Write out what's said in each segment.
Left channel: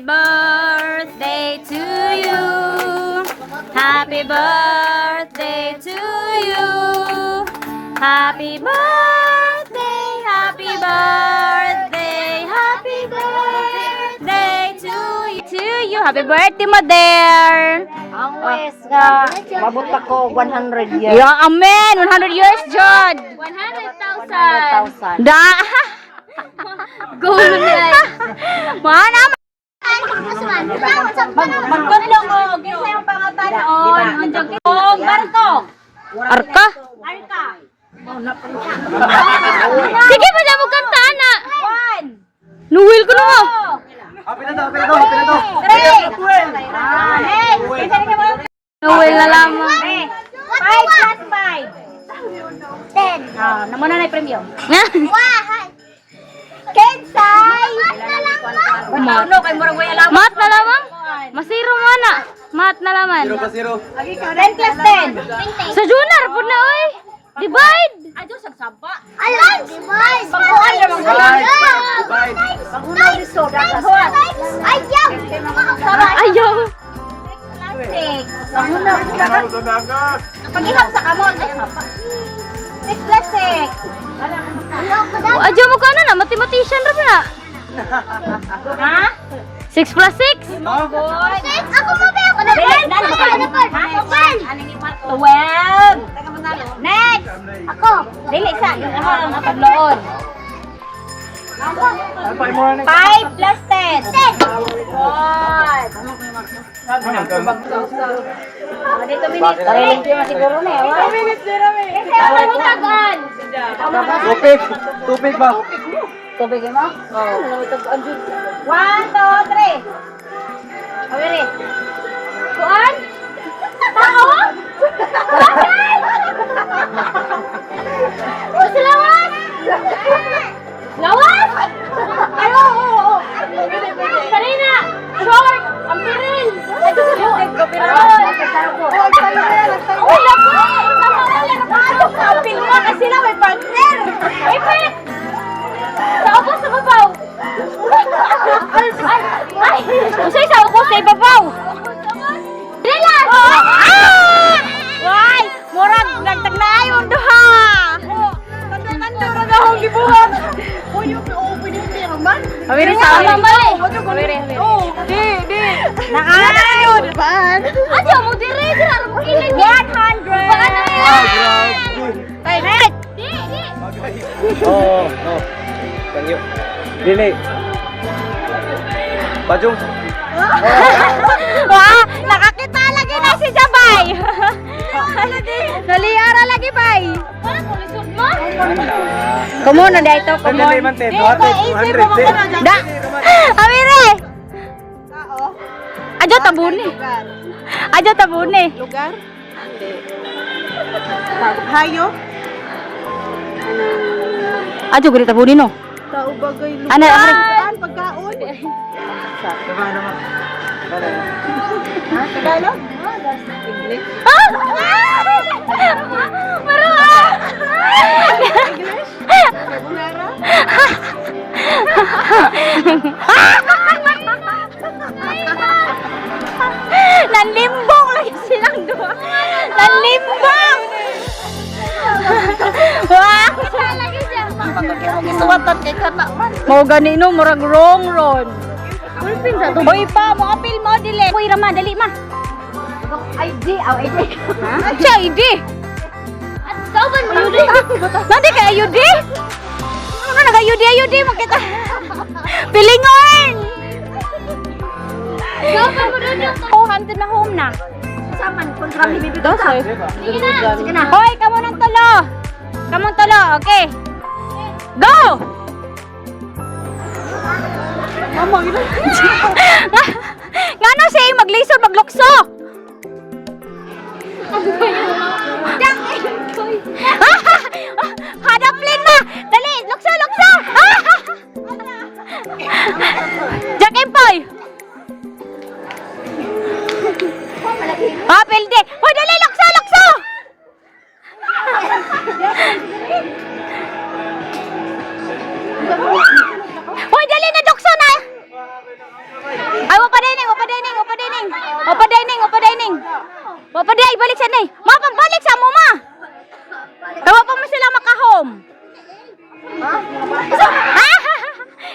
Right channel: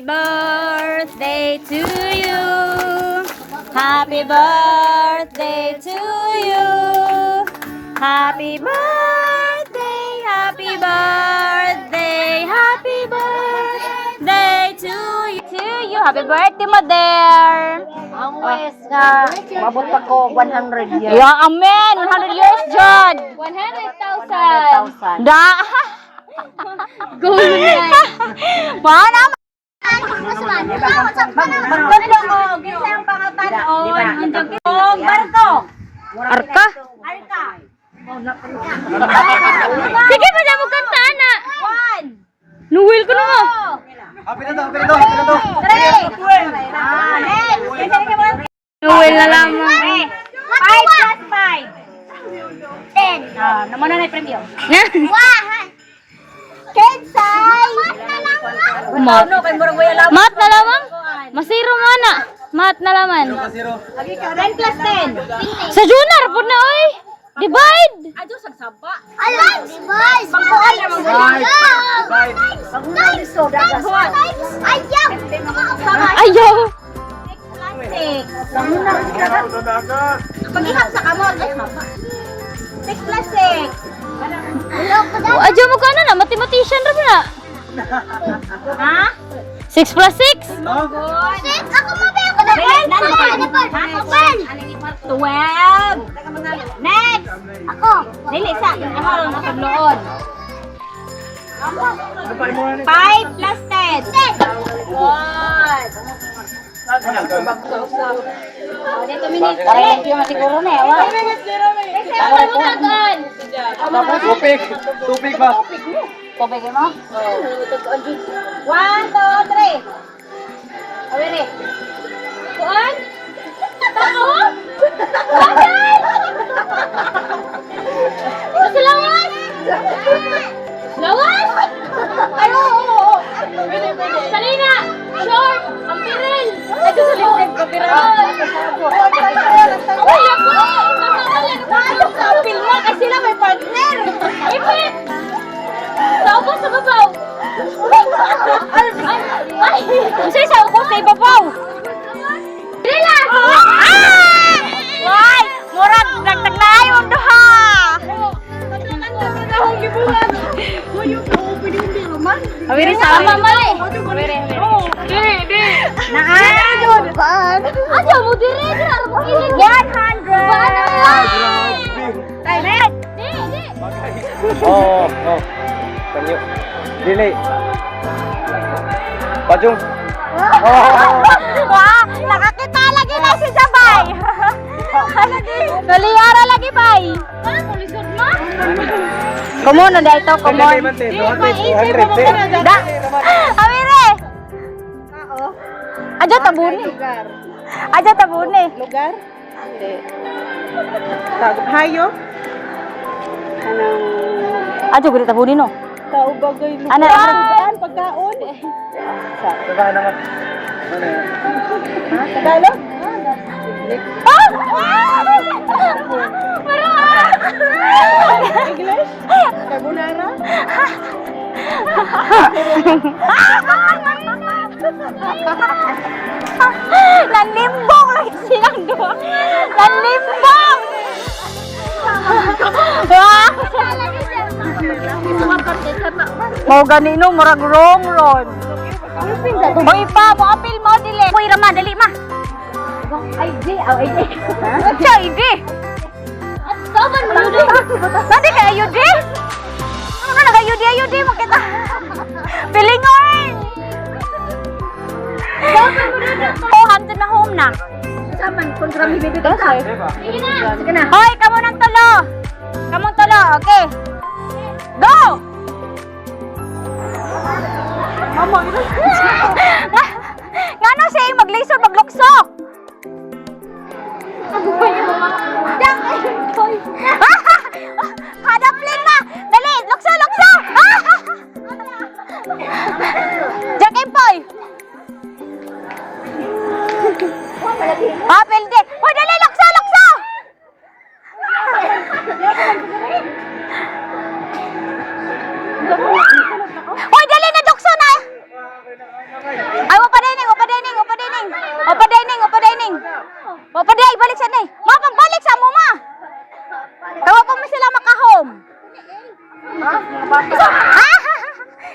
Happy birthday to you. Happy birthday to you. Happy birthday, happy birthday, happy birthday to you. To you. Happy birthday, Mother. Ang wes nga, mabot ako 100 years. Yeah, amen. 100 years, John. 100,000. Da. Gulo na. Mana. Magtulong mo. Gisa yung pangatanon. Ang jagit. Barko. Arka? Arka. Sige, pwede mo kanta, ana. 1. Nuwil ko na nga. Three. Nuwil na lamang. 5 plus 5. 10. Naman na yung premyo. Kensay! Mat na lamang? Masiro mo na. Mat na lamang. 10 plus 10. Sa Junar po na oy. Divide. Ajo sagsaba. Alam, divide. Pagkuhan na mga ayaw. Ayaw. Pag-ihap sa kamot. 6 plus 6. Ajo mo ka na, mathematician ra ba na? Ha? 6 plus 6? Ako mabe ako na. 12. Next. Ako. Dili sa ang nakadloon. 5 plus 10. Good. Dito minutes. Kareleng yung masiguro na eh. 2 minutes na rin. Kasi mo tagan. Tupig ba? Tubig mo? Oo. 1, 2, 3. Awiri. Kuan? Tao? Kuan? Basta lawas? Lawas? Ay, oo. Sarina! Short! Ang piril! Ay, ito sa litig ko, piril! Oh, lako eh! Paano ka? Pilma kasi sila may partner! Ay, pwede! Sa upo sa babaw! Ay! Usay sa upo sa ibabaw! Bilas! Ay! Why? Murag, dagdag na ay mundo ha! Awiri sa ama mali. Awiri. Di. Naan. Paan? Aja mo dire ra mo kilig. 100. Paano yan? Ay, red. Oh. Thank you. Dili. Pajong. Nakakita lagi na si Jabay. Naliara lagi bay. Kumon na ito, kumon. Da. Awiri. Aja tabuni. Aja tabuni. Lugar? Hayo? Aja guri tabuni no. Tao bagay lugar. Ano? Saan? Pagkaon? Diba naman? Tagalog? Ah! Marah! English? Carbonara? Nanlimbong lagi silang dua. Nanlimbong! Wah! Mau gani no, murag wrong ron. Hoy pa, mo apil mo dili. Hoy Rama, dali ma. ID. Siya ID. Kau ban mo di? Nanti kay ID? Ano nag-ID mo kita? Pilingon. Oh, hanto na home na. Saman, kontra mi bibig ka. Sige na. Hoy, kamo nang tulo. Kamong tulo, okay. Go! Mama, ina. Ngano siya mag-laser maglukso? Hadaplin na! Dali! Lukso! Jack Empoy! Pilde! Hoy, dali! Lukso! Hoy, dali na dukso na! Ay, Opa dining, opa dining. Opa day, balik sa ni. Ma, pambalik sa mo, ma. Tawa pa mo sila maka-home.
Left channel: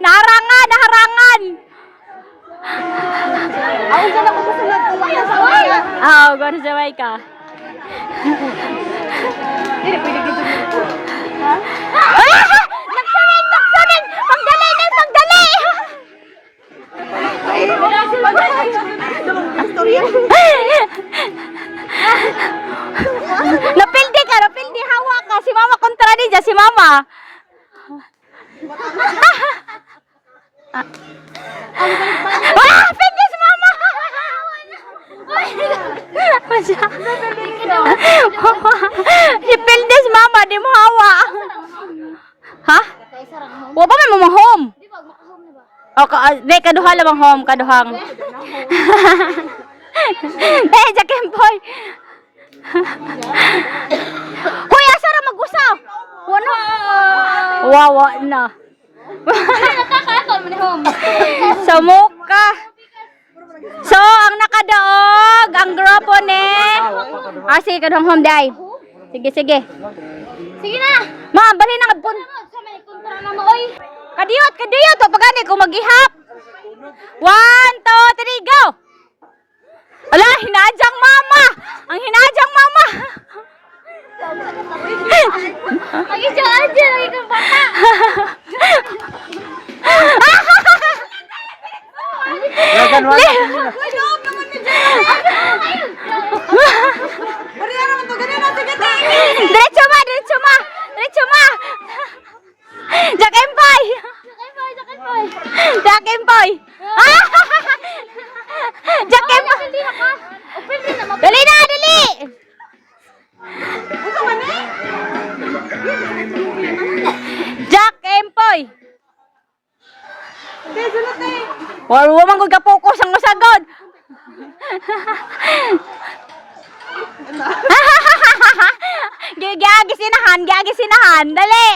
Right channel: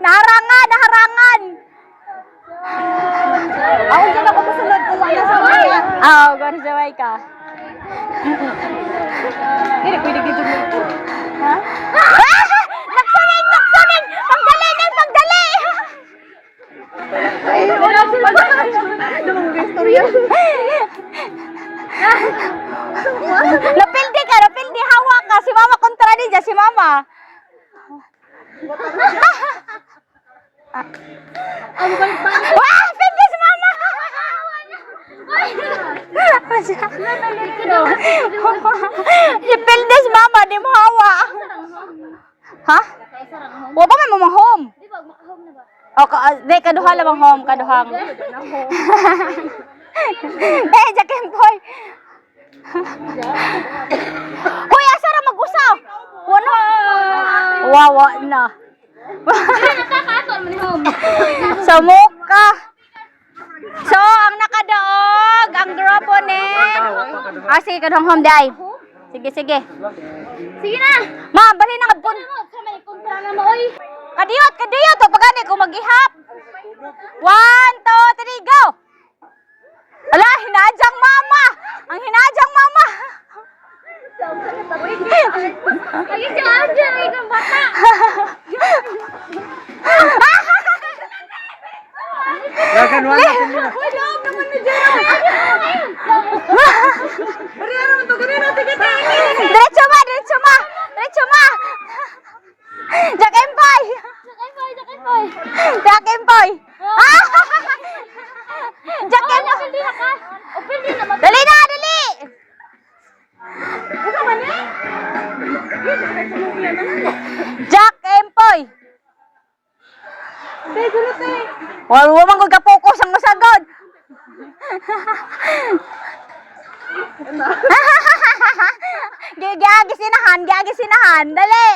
Naharangan, naharangan. Ako dyan ako masunod kung wala sa wala. Gano'n sabay ka. Hindi, pwede dito mo. Ha? Nagsaling, nagsaling! Pagdali na, pagdali! Napildi ka, napildi. Hawa ka. Si mama kontra ni dyan, si mama. Pildi si mama! Si pildi si mama, di mo hawa. Ha? Wa ba may mo home? O, di, kaduha lang ang home, kaduhang. Eh, Jakim boy. Kuy, asa ra mag-usaw? Wala. Wawa na. Sa muka. So, ang nakadaog, ang grupo ni... sige, kaduhang home, day. Sige, sige. Sige na. Ma, bali na kapon. Kadiyot, kadiyot. Pagani ko mag-ihap. 1, 2, 3, go. Ala, hinajang mama. Ang hinajang mama. Mag-isyo-adyo. Ikang baka. Gagan wala sa inyo. Diretso ma, diretso ma. Diretso ma. Jack Empoy. Jack Empoy. Jack Empoy. Dali na, dali. Jack Empoy. Wala mo man kung kapokus ang masagod. Gagi sinahan, dali.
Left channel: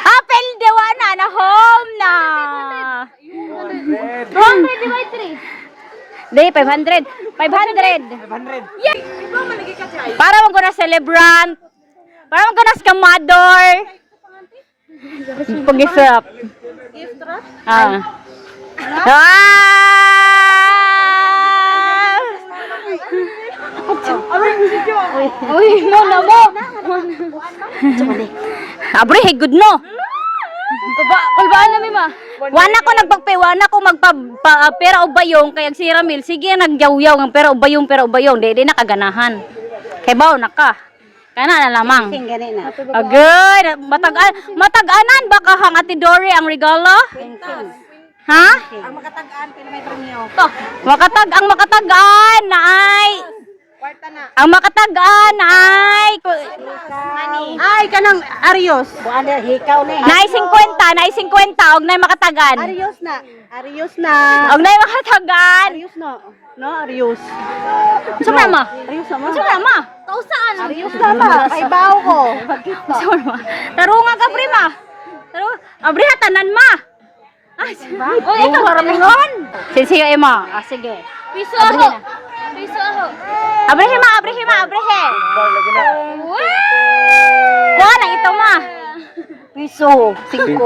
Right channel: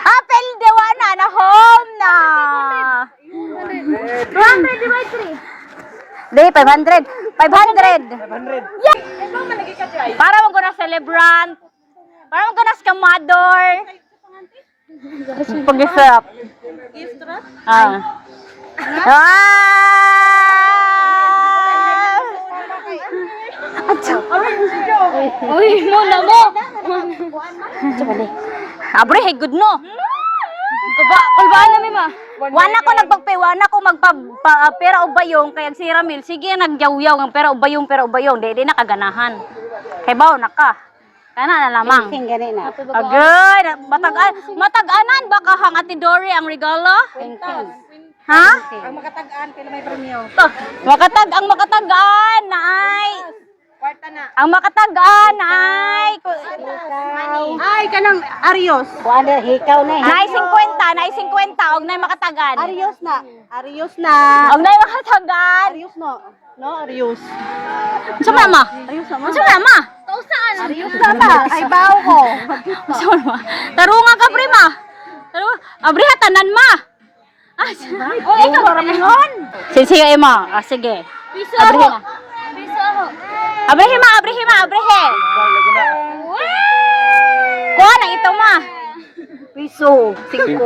Apel dewa na home na. 200 divide 3. Di, 500. 500. Yeah. Para mo na celebrant. Para mo na skamador. Pag-isap. Uy, mo na mo. Abre, hey, good no. Kulbaan na mi ma. Wana ko pera o bayong kay si Ramil sige nagyaw-yaw ng pera o bayong di na kaganahan. Kay baw na ka. Kana na lamang. Agay, matag-anan ba ka hang Ate Dory ang regalo? Ha? Ang makatag-an, kaya may premyo. Ang makatag-an na ay Kwarta na. ang makatag-an na ay Ay, kanang Arios. Buwan hikaw na. Naay 50 og nay makatagan. Arios na. Og nay makatagan. Arios no. No, Arios. Sa mama. Arios sama. Sa mama. Kausaan. Arios sama. Ay baw ko. Sa mama. Tarunga ka prima. Tarunga. Abri hatanan ma. Oh, ikaw ramingon. Sige, Emma. Sige. Piso ako. Abrehe. Kuha na ito ma. Piso. 5.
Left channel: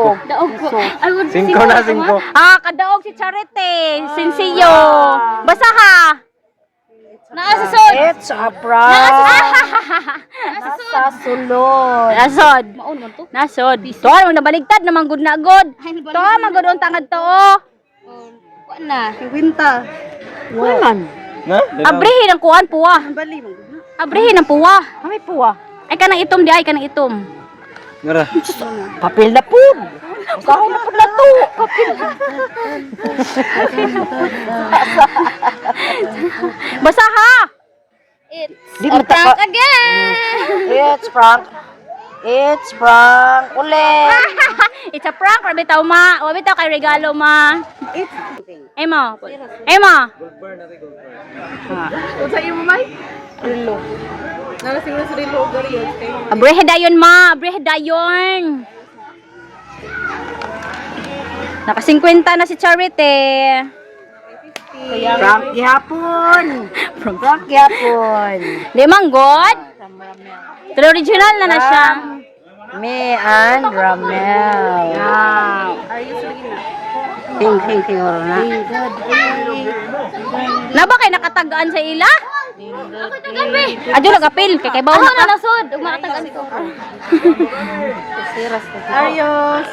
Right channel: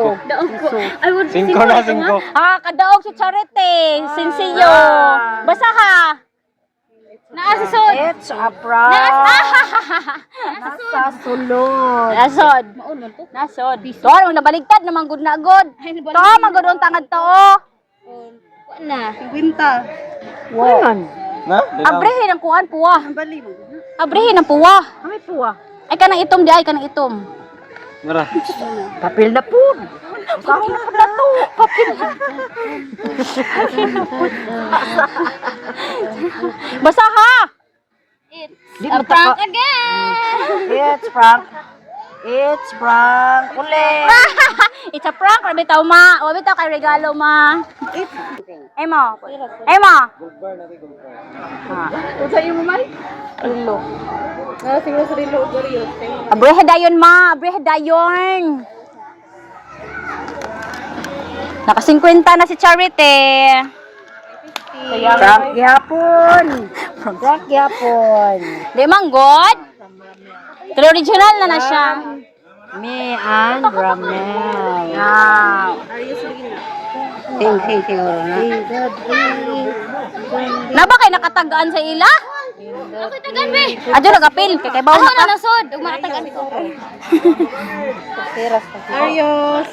5 na 5. Kadaog si Charity. Sinsiyo. Basa ha. Naasasod. It's a prank. Nasod. Nasod. To, nabaligtad naman good na good. To, magud on tangad to. Kuha na. Winta. Wan. Na? Abrihin ang kuan puwa. Bali mo. Abrihin ang puwa. May puwa. Ay kanang itom di ay kanang itom. Nara. Papel na po. Kahon na pud to. Papel. Basa ha. Di mo taka. Again. It's prank. Ulit. It's a prank, rabi tao ma. Wabi tao kay regalo ma. Emma. Unsa imo may? Rilo. Na siguro sa rilo gari. Abrehe dayon ma, abrehe dayon. Naka 50 na si Charity. Frank Yapon. Frank Yapon. Di man god. Pero original na siya. Me and Ramel. Wow. Ting na. Na ba kay nakatagaan sa ila? Ako tagaan be. Adyo nagapil kay bawo na nasod ug makatagaan ko. Ayos.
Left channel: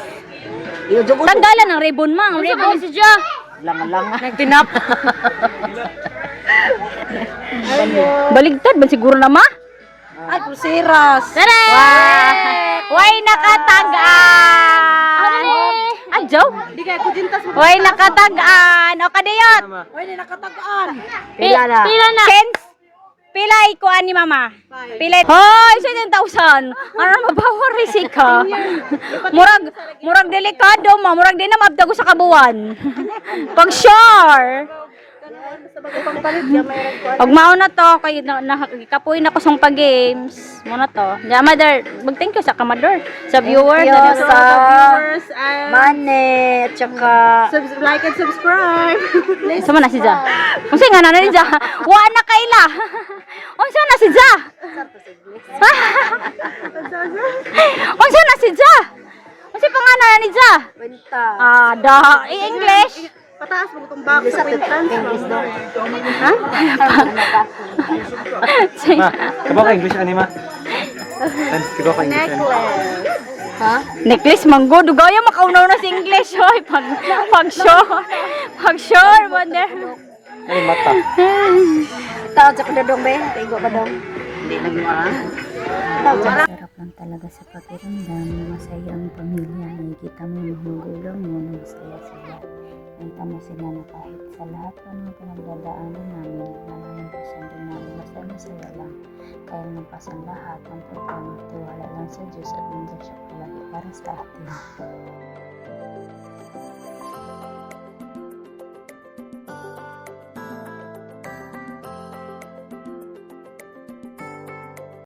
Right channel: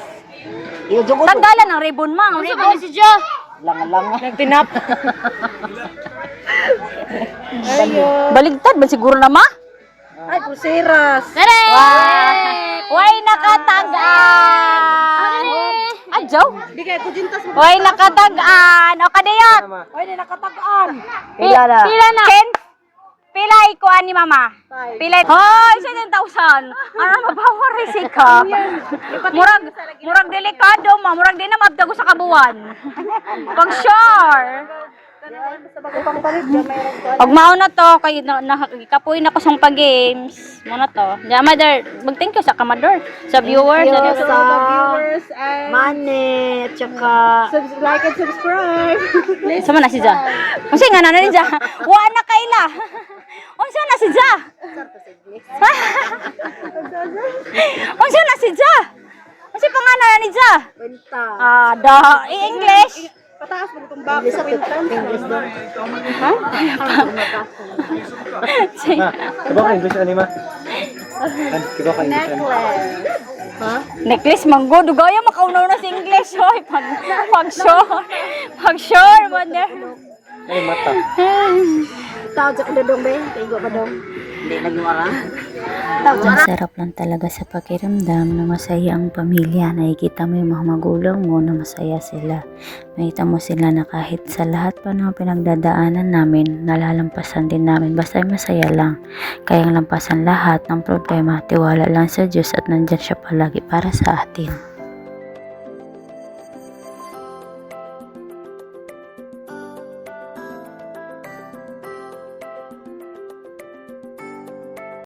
Tanggalan ng ribbon mo, ang ribbon si Ja. Lang. Nagtinap. Ayos. Baligtad ba siguro na ma? Ay, pusiras. Tara! Way nakatagaan. Adyo? Di kaya kujintas mo. Way nakatagaan. O kadayot. Ay, di nakatagaan. Pila na? Pilay ko ani mama. Pilay. Hoy, 7,000. Ano mabawa risika? Murag delikado mo, murag di na mabdago sa kabuan. Pag sure. Pag mao na to kay kapoy na ko sang pag-games. Mo na to. Ya mother, mag-thank you sa kamador, sa viewers, Thank you sa viewers and Mane, tsaka like and subscribe. Sama na si Ja. Unsa nga na ni Ja? Wa na kaila. Unsa na si Ja? Unsa na si Ja? Unsa pangalan ni Ja? Kwenta. Da English. Pataas mo itong box sa kwintan. Ha? Ma, tiba ka English ani ma? Tiba ka English ani? Ha? Necklace manggo dugaya makaunaw na si English hoy pag sure wonder. Ay, mata. Tao sa kadodong be. Tigo pa dong. Hindi nagmara. Ang sarap lang talaga sa pakiramdam na masaya ang pamilya. Nakikita mo yung mga magulang mo na masaya sila. Nakita mo sila na kahit sa lahat pa ng pinagdadaanan namin, nalalampasan din namin. Basta masaya lang. Kayang lampasan lahat ng problema. Tiwala lang sa Diyos at nandyan siya palagi para sa atin.